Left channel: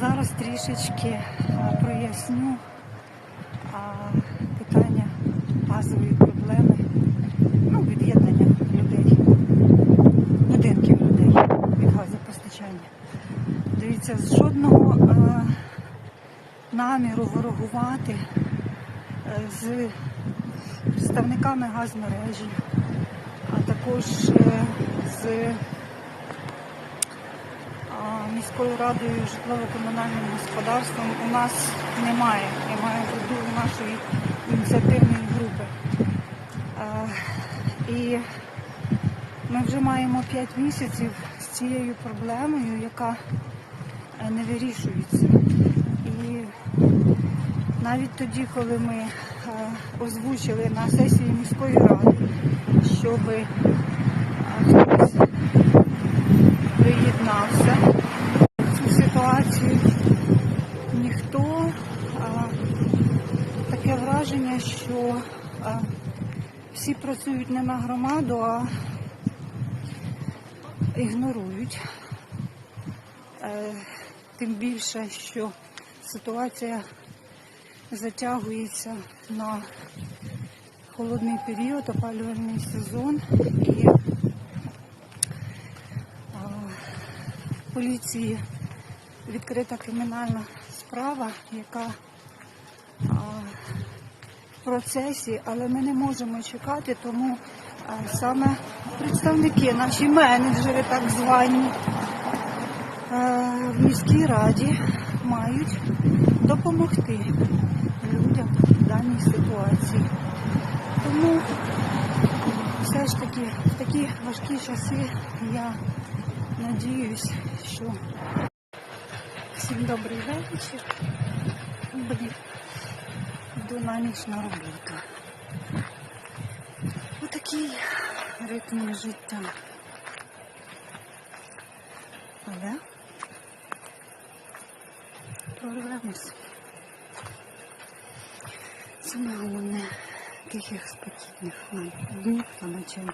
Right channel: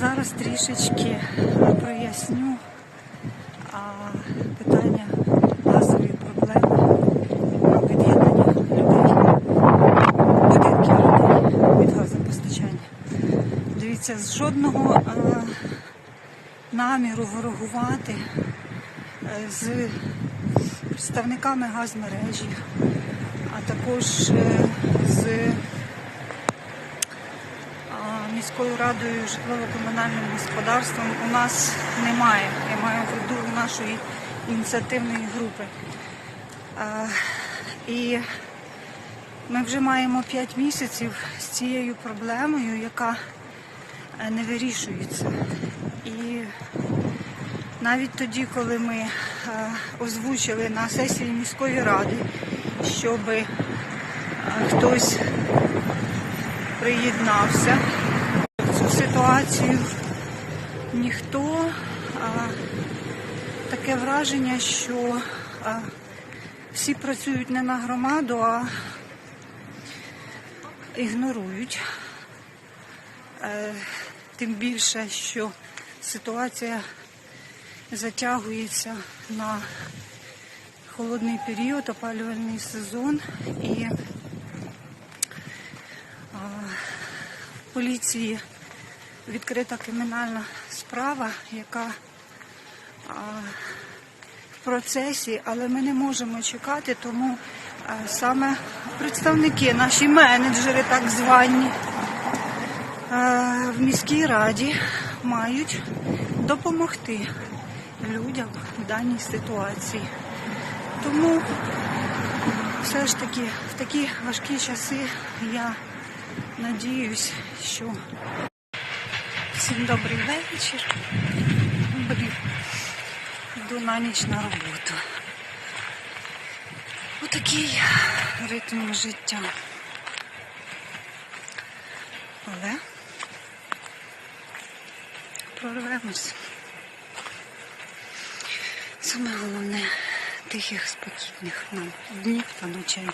Зараз трішечки проясню питання газової проблеми від'єднання людей, будинків людей від газопостачання. Дивіться, з жодного а, наміру ворогувати е, з представниками газмережі, а також е, з міською радою житлово-комунальним господарством у нас немає. Я маю в виду нашої ініціативної групи. І ми вже маємо 5 місяців з цією проблемою, яка е, не вирішується. І навіть тоді, коли ми е, озвучили на сесії міської ради, щоб хтось приєднався ситуацію, ніхто а, таке враження, що всі працюють не на громаду, а ігнорують. Е, Тим більше, що ситуація затягується на холодний період, опалювальний сезон і поліції відкрита кримінальна справа, яка а, в процесі, але ми не можемо чекати, тому а, саме представники, наші менеджери, так звані, е, в міській раді мають допомогти людям в даній ситуації. Тому все ж таки в такі важкі часи я надіюсь, що всім добрий вечір. Блін, йду на ніч на роботу. Отакий ритм життя. Але прорвемось. Саме головне тихих, спокійних нам днів та ночей.